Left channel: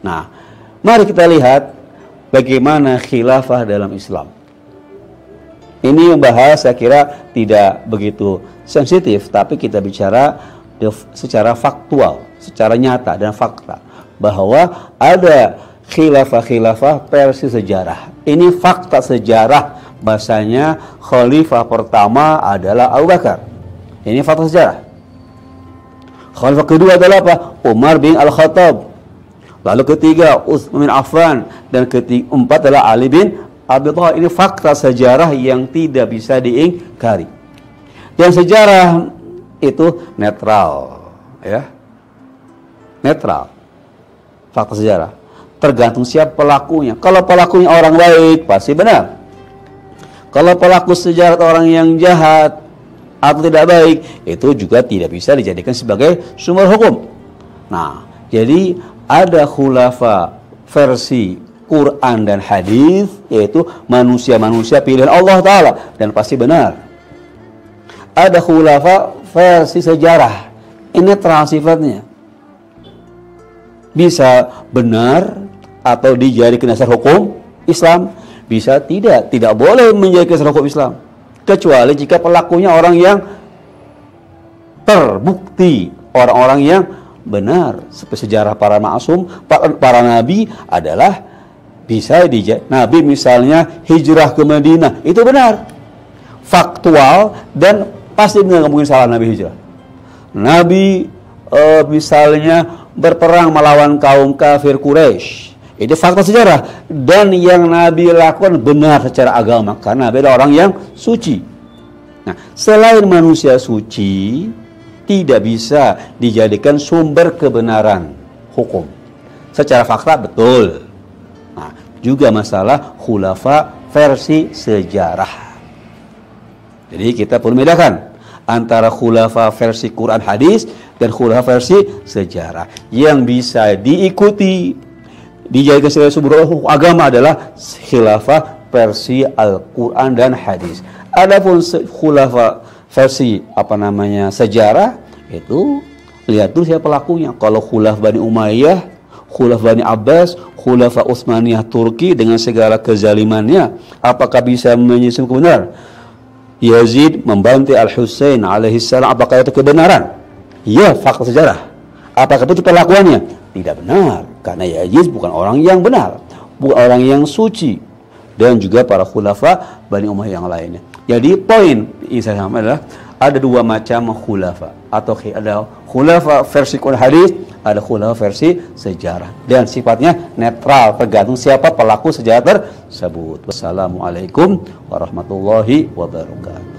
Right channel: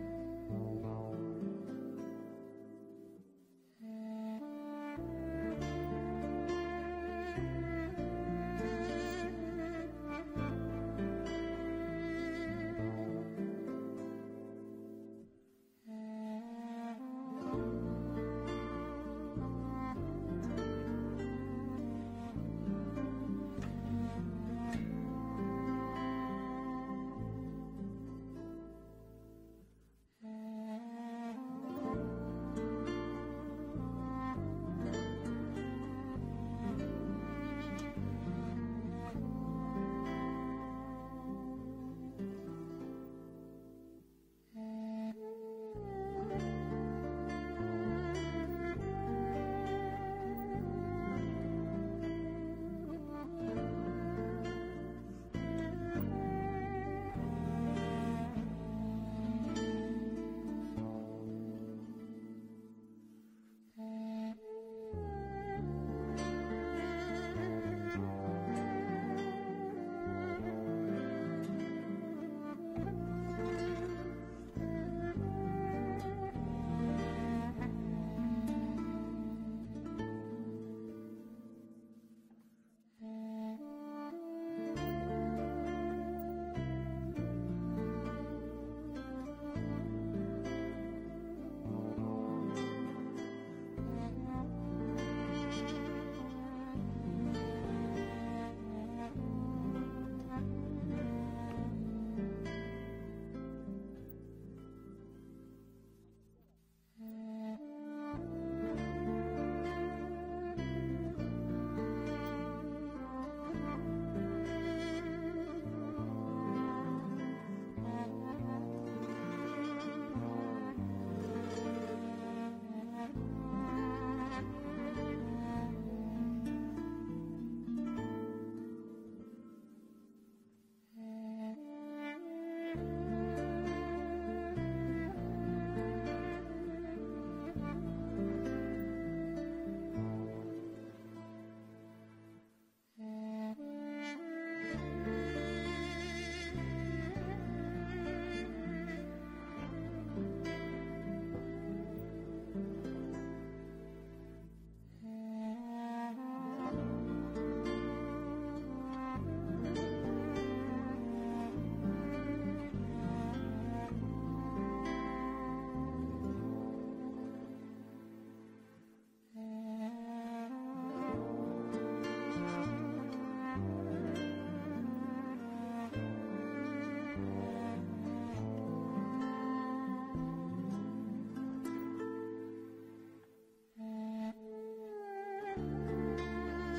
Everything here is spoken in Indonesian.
Nah, mari kita lihat bagaimana khilafah dalam Islam. Ini membahas saya kira tidak begitu sensitif, tapi kita bicara secara faktual, secara nyata dan fakta bahwa ada khilafah-khilafah versi sejarah. Ini fakta sejarah, bahasanya khalifah pertama adalah Abu Bakar. Ini fakta sejarah. Khalifah kedua adalah apa? Umar bin Al-Khattab. Lalu ketiga Utsman bin Affan, dan keempat adalah Ali bin Abi Thalib. Ini fakta sejarah yang tidak bisa diingkari. Dan sejarah itu netral, ya. Netral. Fakta sejarah. Tergantung siapa pelakunya. Kalau pelakunya orang baik, pasti benar. Kalau pelaku sejarah orang yang jahat atau tidak baik, itu juga tidak bisa dijadikan sebagai sumber hukum. Nah, jadi ada khulafa versi Quran dan hadis, yaitu manusia-manusia pilihan Allah Ta'ala, dan pasti benar. Ada khulafa versi sejarah, ini netral sifatnya, bisa benar atau dijadikan dasar hukum Islam, bisa tidak boleh menjadi dasar hukum Islam, kecuali jika pelakunya orang yang terbukti, orang-orang yang benar. Seperti sejarah para maksum, para nabi adalah bisa Nabi misalnya hijrah ke Madinah, itu benar, faktual, dan pasti benar, nggak mungkin salah Nabi hijrah. Nabi misalnya berperang melawan kaum kafir Quraisy, itu fakta sejarah, dan yang Nabi lakukan benar secara agama, karena Nabi adalah orang yang suci. Nah, selain manusia suci, tidak bisa dijadikan sumber kebenaran hukum. Secara fakta betul. Nah, juga masalah khulafa versi sejarah. Jadi kita perlu membedakan antara khulafa versi Quran hadis dan khulafa versi sejarah. Yang bisa diikuti, dijadikan sebagai sumber agama adalah khilafah versi Al-Quran dan hadis. Adapun khulafa versi sejarah, itu lihat dulu siapa pelakunya. Kalau khulaf Bani Umayyah, khulaf Bani Abbas, khulafa Utsmaniyah Turki dengan segala kezalimannya, apakah bisa menyelisih kebenaran? Yazid membantai Al-Husain alaihissalam, apakah itu kebenaran? Ya, fakta sejarah. Apakah itu perlakuannya? Tidak benar, karena Yazid bukan orang yang benar, bukan orang yang suci, dan juga para khulafa Bani Umayyah yang lainnya. Jadi poin ini saya sampaikan adalah ada dua macam khulafa, atau ada khulafa versi Quran hadis, ada khulafa versi sejarah, dan sifatnya netral, tergantung siapa pelaku sejarah tersebut. Wassalamualaikum warahmatullahi wabarakatuh.